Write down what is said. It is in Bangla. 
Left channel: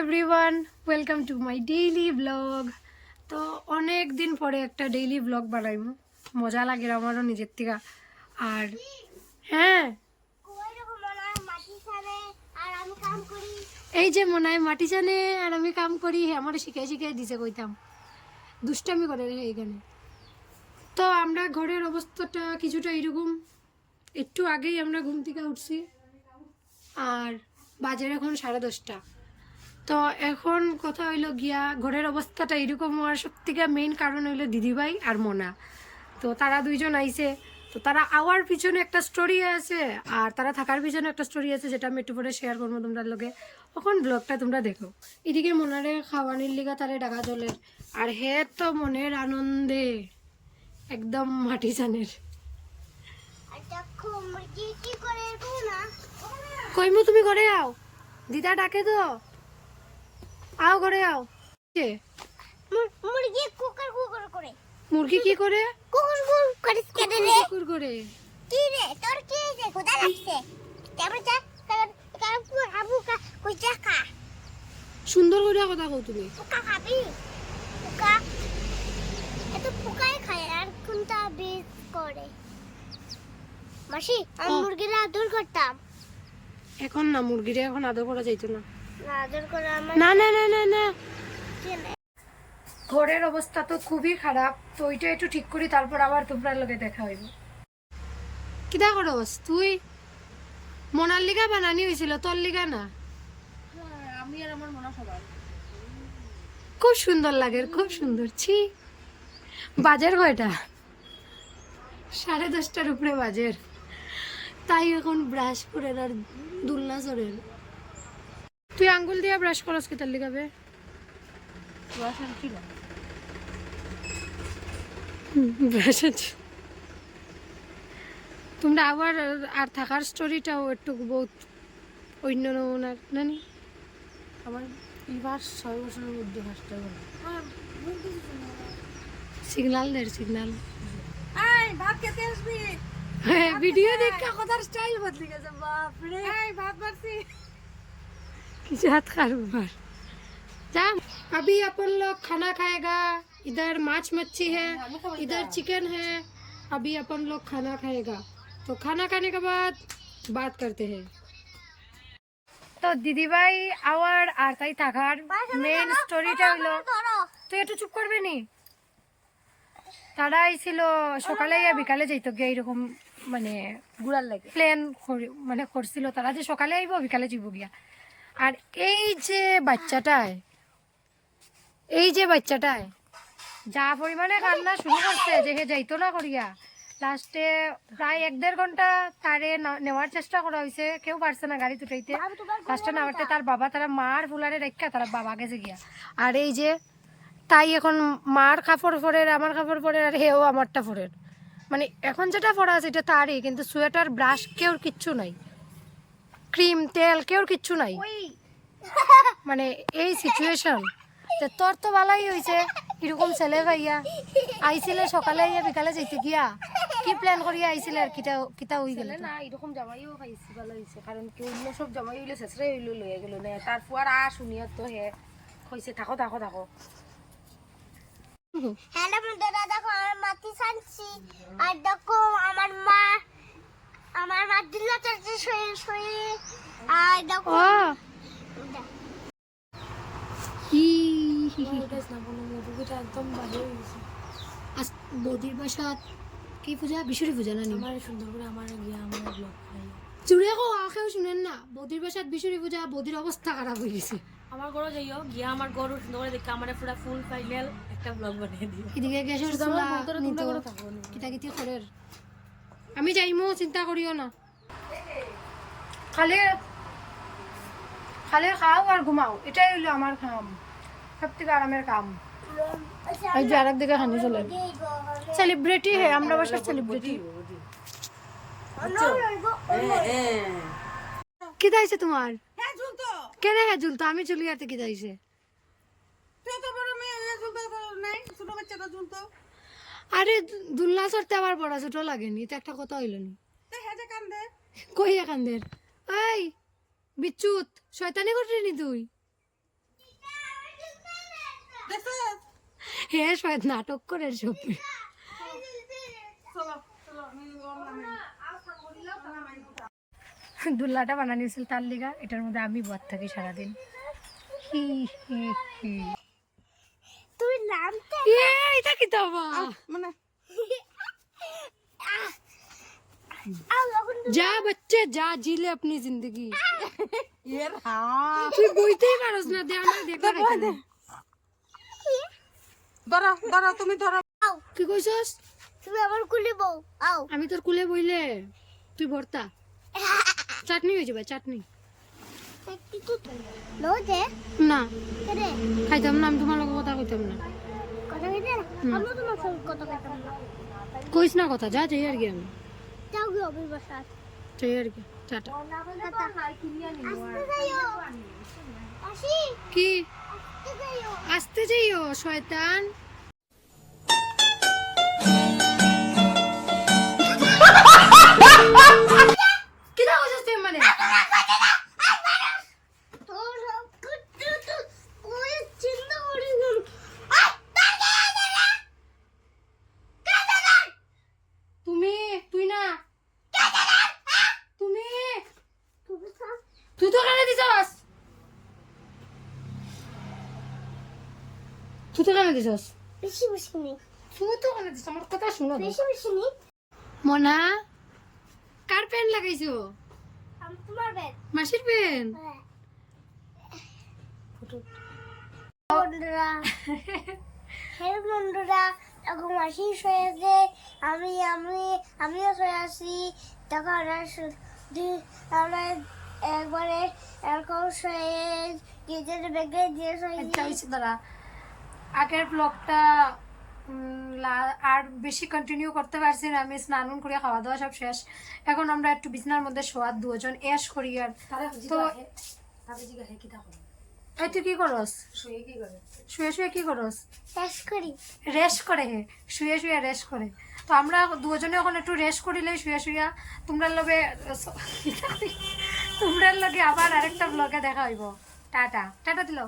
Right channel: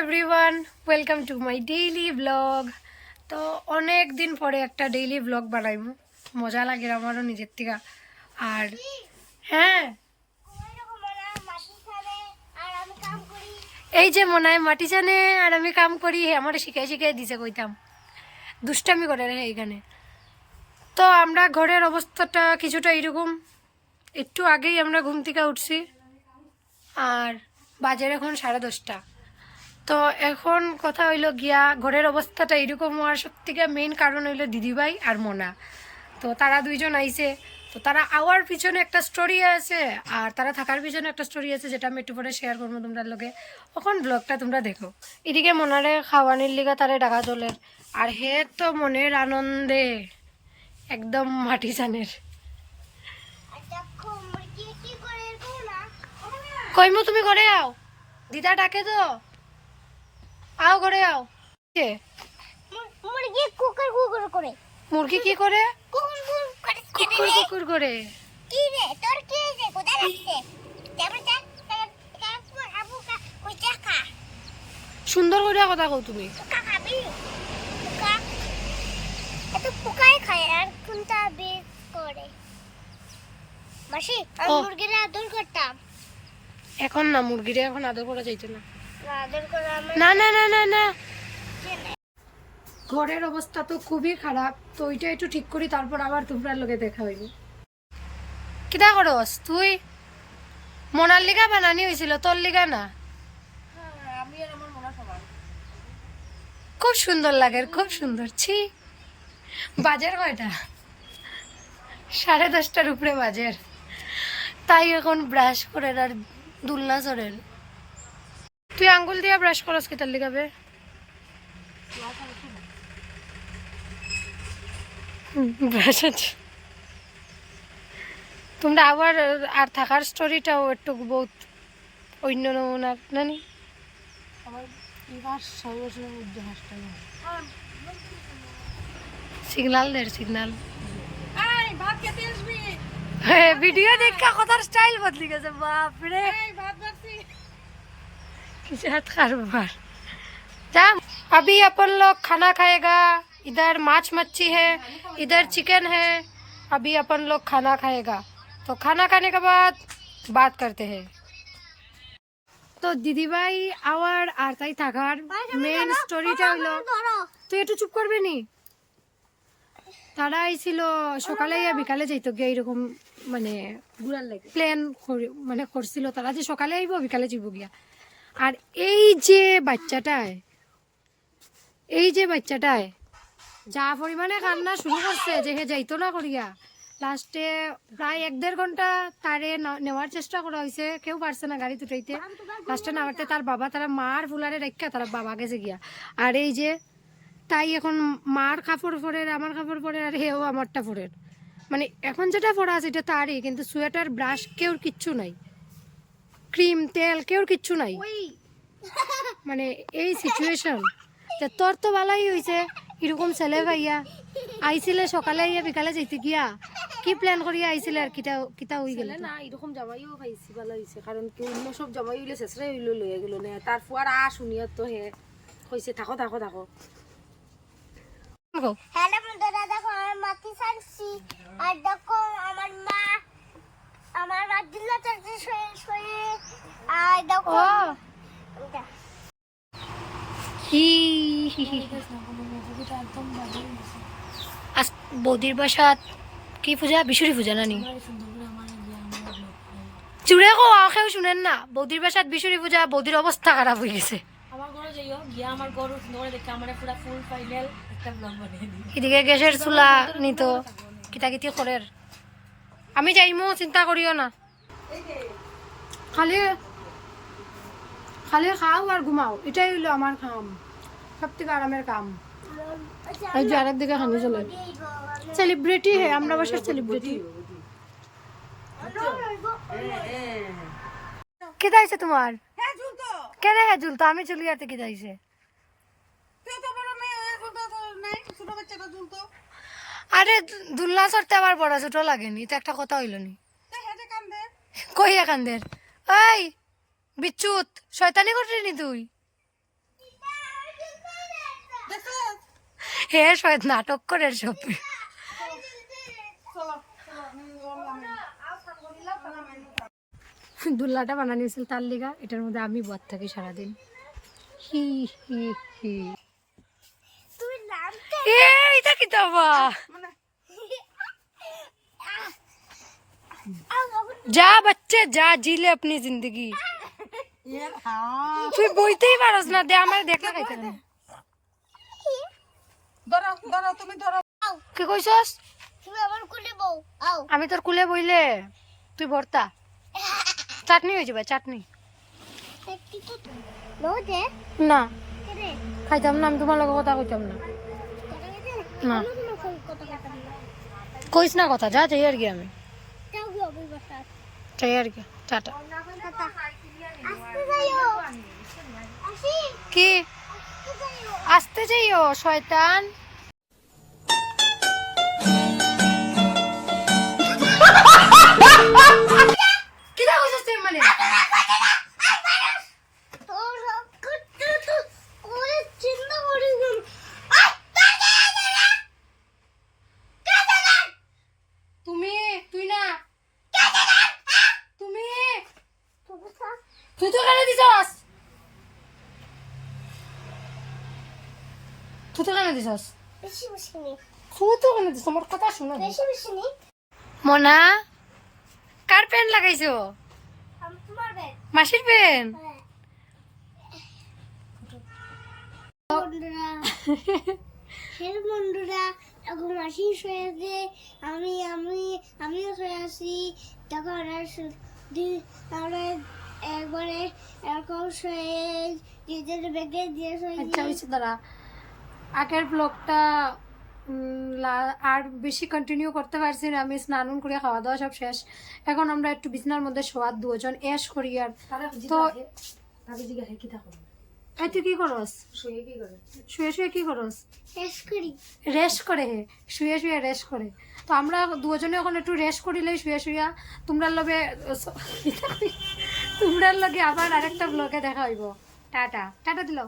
Everyone welcome to my daily blog তো অনেক দিন পরে একটা ডেইলি ব্লগ বানাইমু। মজা লাগে আমারও নিজের থেকে। আর হ্যাঁ এই যে মনে হয় মাটি জানে আর আমি কাম করি আমার শিখাই শিখাই দিছে কইতাম। দুষ্টামি করে রে এইখানে। তো আমরা ঘরের অবস্থাটা কিছুটা এরকম একটু আগেই আমরা ঘুম থেকে উঠছি। আর বাজার এখন সাড়ে দশটা। তো এখন কথা হইল গিয়া ঘরের অবস্থাটা এরকম হওয়ার সত্যিকার মেইন কারণ হইল দিদিভাই আর মোনা। তো তারা দুইজন আইছে। তো তারা আওয়ার পিছনে একটা স্টোরি আছে আর তারা থাকার পিছনে একটা স্টোরি আছে যেটা আমি একটু পরে শেয়ার করব তোমরা লোকে তখন ব্লগটা তোমরা দেখো। এদিকে মনারে খাওয়ানির লিগা তারে ডাকা চলের আর হে তো মনের আনন্দে একদম মাটি চানের। কইমু তুমি ঘরে আও। দিদা ডাকে তো। আও ঘরে আও। কে? মুরগি কুকুর কুকুর করে। মুরগি কি করে? কুকুর কুকুর করে। কুকুর কুকুর করে। কি রে? তোর কি লাগছে তারপর যা কাকু হাবু কই খা। সুন্দর করে কথা কও তুমি। পোকা খাবি? পোকা? এত পোকাই খায় আর কোনটা বেশ করে? মাসি আমি মুরগিরা আদর করতাম। এখন না মুরগিরা এখন আদর করা যাইতো না। না না না না না। ঘরের অবস্থা তো খুবই খারাপ তো ওইটা একটু ঠিক করি তারপর আবার তোমরা লগে দেখা হইব। কিটা করস তুই? মনার লিগা বানানি হয়েছিল তোর লিগা না? আমি আর আমার মনে সবাই খুব সুন্দর লাগে খুব সুন্দর ছি। বাজার কয়টা? সাড়ে দশটার উপরে বাজার। তাই এখন ব্রাশ করে আর দুলনা চড়ের তুই আঙ্গুল দিয়া ব্রাশ করস কি তার লিগাবে ব্রাশ আছে তোমরা আবার আর থাকার স্টোরিটাও একটু বহুত অন্য নমুনার নানি আমার এবার ছয় বছরের মধ্যে টাইম সিগনাল দের সিগনাল ভাত খেতে আসবি? ভিডিও দেখা কথার স্টাইল বদলি গেছে বাপরে। ভাত বাড়ছি जात कारोबार जा अभी अपन लोग खाना खाएगा इधर माछ मच्छी है इधर चिकन है अभी अपन लोग खाना खाएगा तो खाना खाने के बाद बात करते हैं তো দিদিভাই আওয়ার আর তাই থাকার মেন স্টোরিটা হলো ধরো তুই একটু চুপ করবে নি তারা আইছিল সকালে ইয়া বিকালে যাইতো গিয়ে এইরকম মানে গুড়ার লাগে প্ল্যান মানে করছিল তারা যে সকালে আইব বিকালে যাইব গিয়া আর এই যে বাচ্চাটায়, এই যে বাচ্চাটায়, যা পরিমাণে কান্না শুরু করছে যে হে যাইতো না করিয়া। লাস্টে প্রায় এক দেড় ঘণ্টা তারে নেওয়ার চেষ্টা করা হয়েছে কেউ পারছে না গাড়ি উঠাইতে লাস্টে নামাতে তার বাবা তারা মার ফুলারে রেখা তারা বাবা গেছে গিয়া। আর এই যে তাই এখন মার কাপড় পরের আমার কাপড় পরের আর হেও আমারটা পরের মানে এখন যেটা পরা আছে এটা তারই, কিন্তু সোয়েটার, ব্রাশ কেউ কিচ্ছু নাই। ক্রিম তেল কেউর কিচ্ছু নাই। মানে এই সিচুয়েশন যে তোর তো ভালোই হয়েছে এরকম ছেলে ভাইয়া। আইছিলে সকালে আইয়া বিকালে যাইতে গিয়া। কি প্ল্যান করিয়া আইছিলে আর কিটা কিটা হই গেল না এরকম জামাইও খাইছি ভালো হয়েছে কারণ কি অন্য সব জামাই হইলে শেষরে হইলে লইয়া গেল না। তারপর আর শুনিয়া তো হে কইছে থাকো থাকো থাকো। হ্যালো বন্ধুরা দেখো আমার মাটি ছাড়ছি আর দেখো আমার মা আমার মা দিল্লা চলছে শুয়ে শুয়ে আর দেখো হি হি হি একদম বাজে হয়ে গেছে। আজ বৌদির বাসাত কি পূজা? বিশুরি পূজা নানি আমার সুন্দর করে আমার গিয়া আমার ব্লগ চুড়ে কো আখেও শুনেন না। বৌদির বাসাত বিশুরি পূজা বৌদির অবস্থা খারাপ হয়ে গেছে। আমার ঘরে যাইও গিয়া আমার গরু সুন্দর করে দেখে আমার পুরা ফুল ফাইনাল একটা ব্লগ বানিয়ে দিও। এদিকে গ্যাসের চুলা নিত কিতা কিতি করের। আমি যাইমো, চিন্তা করিও না। খালি খালি খাও আর ঘুমাও। এটাই হইল আমার কাম। সব থেকে আরামের কাম। এই যে আরেক দিকে হানি চলে সেলিব্রিটি হে, আমরা বাসার সেলিব্রিটি কি দাইছে তোমার? কেন হ্যাঁ আমি চুলিয়াতে কি দাইছে তো বড় মেয়ে নাই, ছোট বাচ্চাটা আরে দুলনা চড়তে আবার বড় ছোট লাগেনি তো একটা কথা হইল নি। কই এখানদের এই বিচ্যুত শয়তানি করিনি তুই? হে শয়ত নাটক করে সব। দুল্লাটা বানানিয়েছিল তার লিগা এটার মধ্যে আমি বদ থাকি সারাদিন। হি হি হি। এটা যা বাচ্চা যা জিলে আপনি জিন্দগি। তুই বইতেই পারস না দে আমার দেখলা খাইতে দে। ধরো ধরো তুমি ধরো। কি কইছস? তুমি আমার কুলি বউ আও। আমি তোর কুলে বইলে তুই ভর্তা। চাটনি হয়ে যাবে চাটনি। না। খাইতাম না আমি তোমার লগে কথা কইতাম না। না। কইস না কথা যা চাই আর কি আমি। চাই আর কি টাটা। কি? আসতে যাইও শয়তান। তুই তো কেন দিছস বেশি বেশি নি তুই তো কেন দিছস আমার কথা শুনো বেশি বেশি নি মনা কার পেন লাগাইছো আমি তোমার বেড মাসির পেন বন্ধুরা বন্ধুরা এখন মাসি শুয়েছে আমি আমি আমিও শুয়ে আছি তখন আমরা আমরা একবারে এরকম শুয়ে নিজের ব্যাগে দিয়ে শুয়ে আচ্ছা দাঁড়া আগের ব্লগটা আর বেশি কন্টিনিউ করতে পারছি না। আমি স্নান করে খাওয়া দাওয়া সব শেষ। এখন আমরা একটু বিছনার মধ্যে শোয়ার দুজন এস করি আর তো এই তুই কি করস? শুয়ে শুয়ে শুয়ে কি করস? শেষ করি। রেস্ট করে হে। শুয়ে শুয়ে রেস্ট করে। তো আমরা দুজনে এখন একটু রেস্ট করিলে শুয়ে শুয়া। তোমরা লগে তোমরা লগে আবার আরেকটা ব্লগে দেখা হইব। টাটা। টাটা দিল।